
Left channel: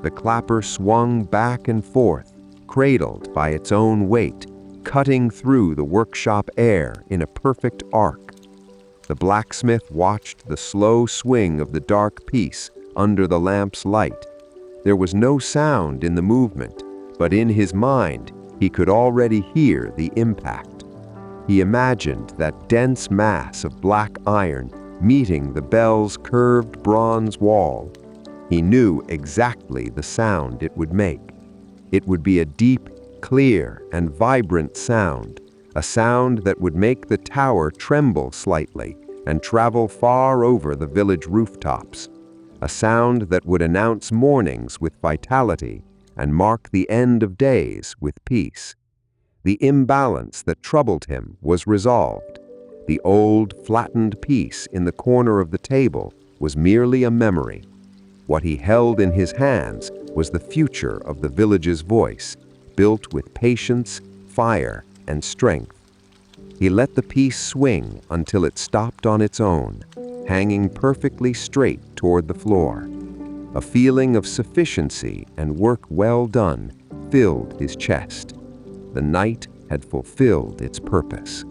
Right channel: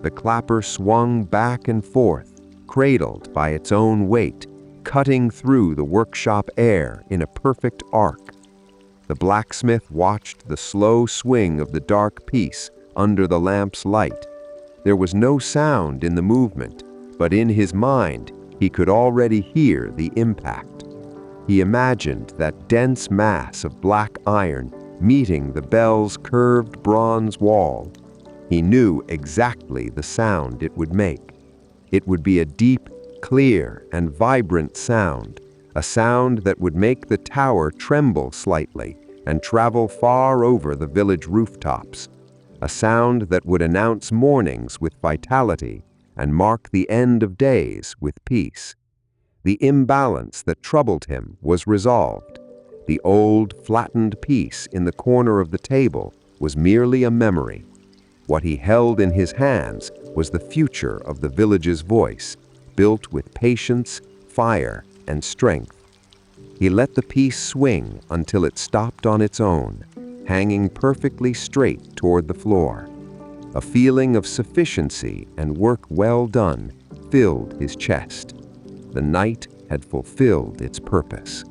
The clapper swung back and forth, cradled by its own weight, cutting through the workshop air in a perfect arc. The blacksmith watched the slow swing of the dark piece under the lamp's light. There was no sound in the movement, but in his mind, he could already hear the impact. He imagined that dense mass of black iron meeting the bell's curved bronze wall. He knew exactly the sound it would make. It would be a deep, clear, and vibrant sound, a sound that would make the tower tremble slightly and travel far over the village rooftops, a sound that would announce mornings with vitality and mark the end of days with peace. The imbalance that troubled him was resolved. The old, flattened piece in the corner of the table was merely a memory. What he held in his hands was the future of the village's voice, built with patience, fire, and strength. He let the piece swing until it stopped on its own, hanging perfectly straight toward the floor. A feeling of sufficiency and work well done filled his chest. The night had fulfilled its purpose.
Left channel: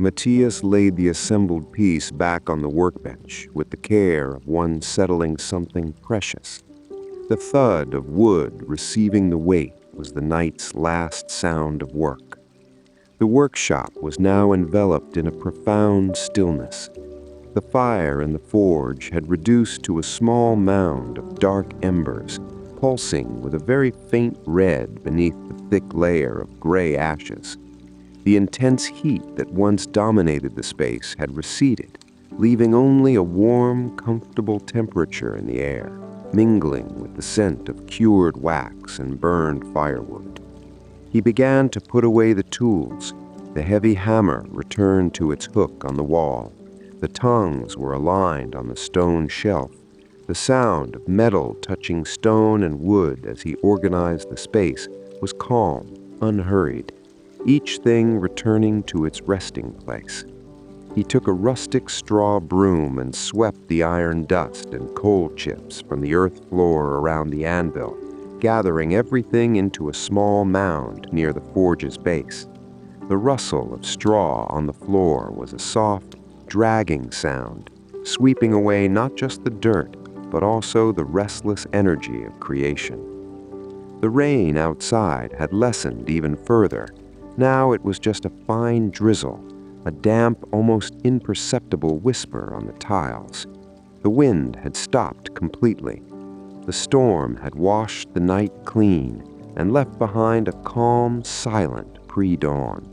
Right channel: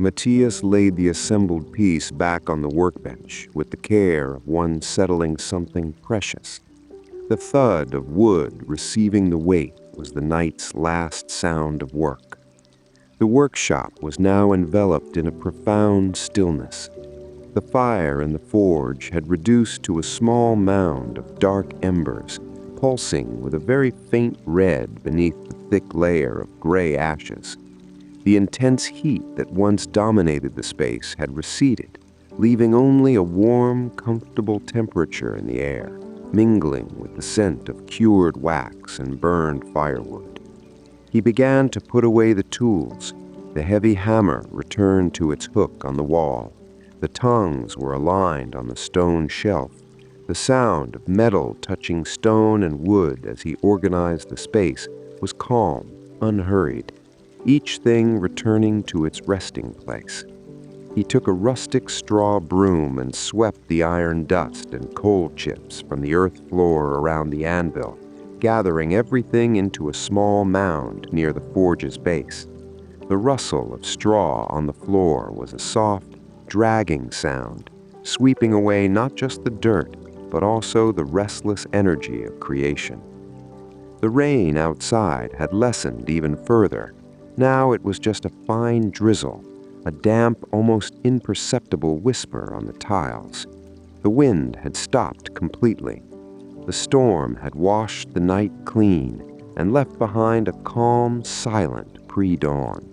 Matias laid the assembled piece back on the workbench with the care of one settling something precious. The thud of wood receiving the weight was the night's last sound of work. The workshop was now enveloped in a profound stillness. The fire in the forge had reduced to a small mound of dark embers, pulsing with a very faint red beneath the thick layer of gray ashes. The intense heat that once dominated the space had receded, leaving only a warm, comfortable temperature in the air, mingling with the scent of cured wax and burned firewood. He began to put away the tools. The heavy hammer returned to its hook on the wall. The tongs were aligned on the stone shelf. The sound of metal touching stone and wood as he organized the space was calm, unhurried, each thing returning to its resting place. He took a rustic straw broom and swept the iron dust and coal chips from the earth floor around the anvil, gathering everything into a small mound near the forge's base. The rustle of straw on the floor was a soft, dragging sound, sweeping away not just the dirt, but also the restless energy of creation. The rain outside had lessened even further. Now it was just a fine drizzle, a damp, almost imperceptible whisper on the tiles. The wind had stopped completely. The storm had washed the night clean and left behind a calm, silent pre-dawn.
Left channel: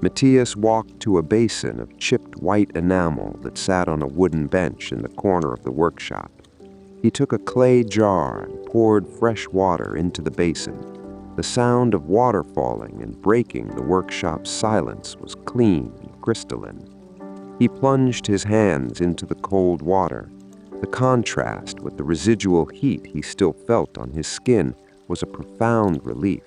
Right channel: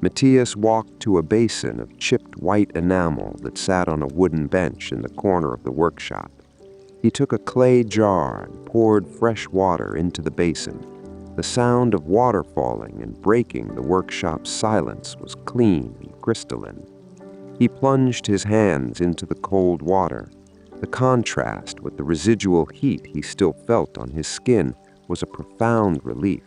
Matias walked to a basin of chipped white enamel that sat on a wooden bench in the corner of the workshop. He took a clay jar and poured fresh water into the basin. The sound of water falling and breaking the workshop's silence was clean and crystalline. He plunged his hands into the cold water. The contrast with the residual heat he still felt on his skin was a profound relief.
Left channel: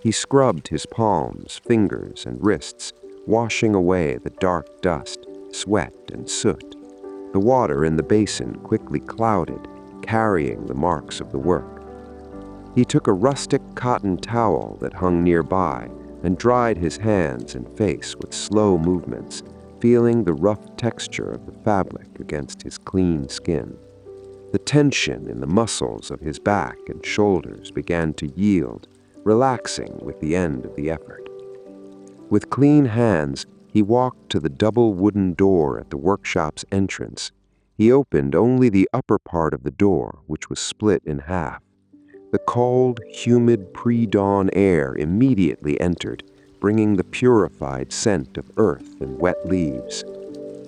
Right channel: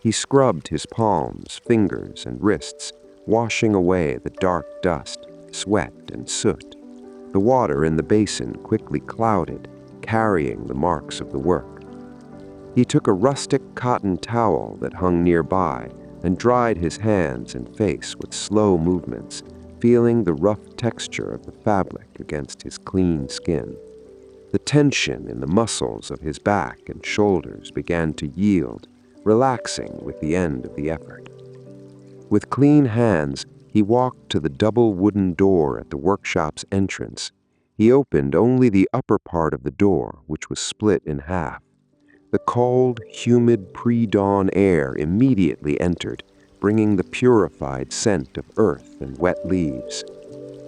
He scrubbed his palms, fingers, and wrists, washing away the dark dust, sweat, and soot. The water in the basin quickly clouded, carrying the marks of the work. He took a rustic cotton towel that hung nearby and dried his hands and face with slow movements, feeling the rough texture of the fabric against his clean skin. The tension in the muscles of his back and shoulders began to yield, relaxing with the end of the effort. With clean hands, he walked to the double wooden door at the workshop's entrance. He opened only the upper part of the door, which was split in half. The cold, humid pre-dawn air immediately entered, bringing the purified scent of earth and wet leaves.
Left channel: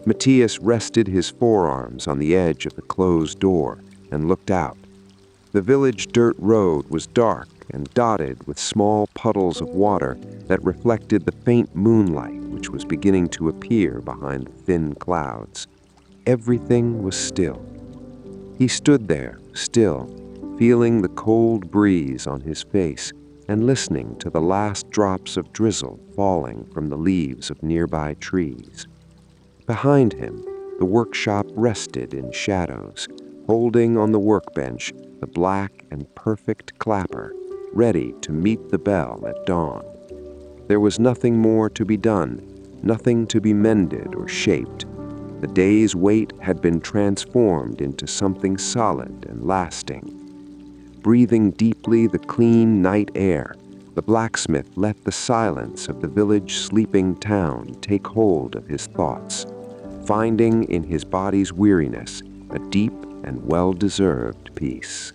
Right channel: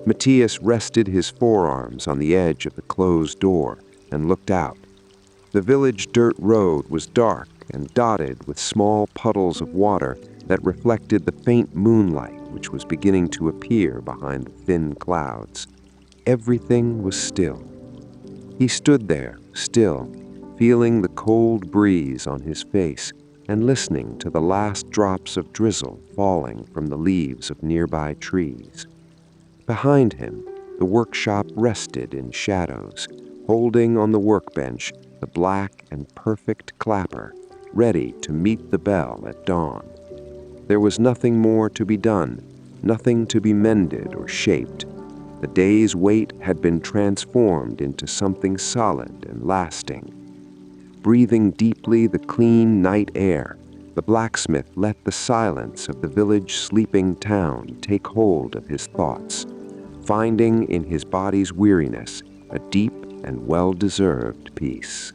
Matias rested his forearms on the edge of the closed door and looked out. The village dirt road was dark and dotted with small puddles of water that reflected the faint moonlight which was beginning to appear behind the thin clouds. Everything was still. He stood there, still, feeling the cold breeze on his face and listening to the last drops of drizzle falling from the leaves of nearby trees. Behind him, the workshop rested in shadows, holding on the workbench the black and perfect clapper, ready to meet the bell at dawn. There was nothing more to be done, nothing to be mended or shaped. The day's wait had been transformed into something solid and lasting. Breathing deeply the clean night air, the blacksmith let the silence of the village sleeping town take hold of his thoughts, finding in his body's weariness a deep and well-deserved peace.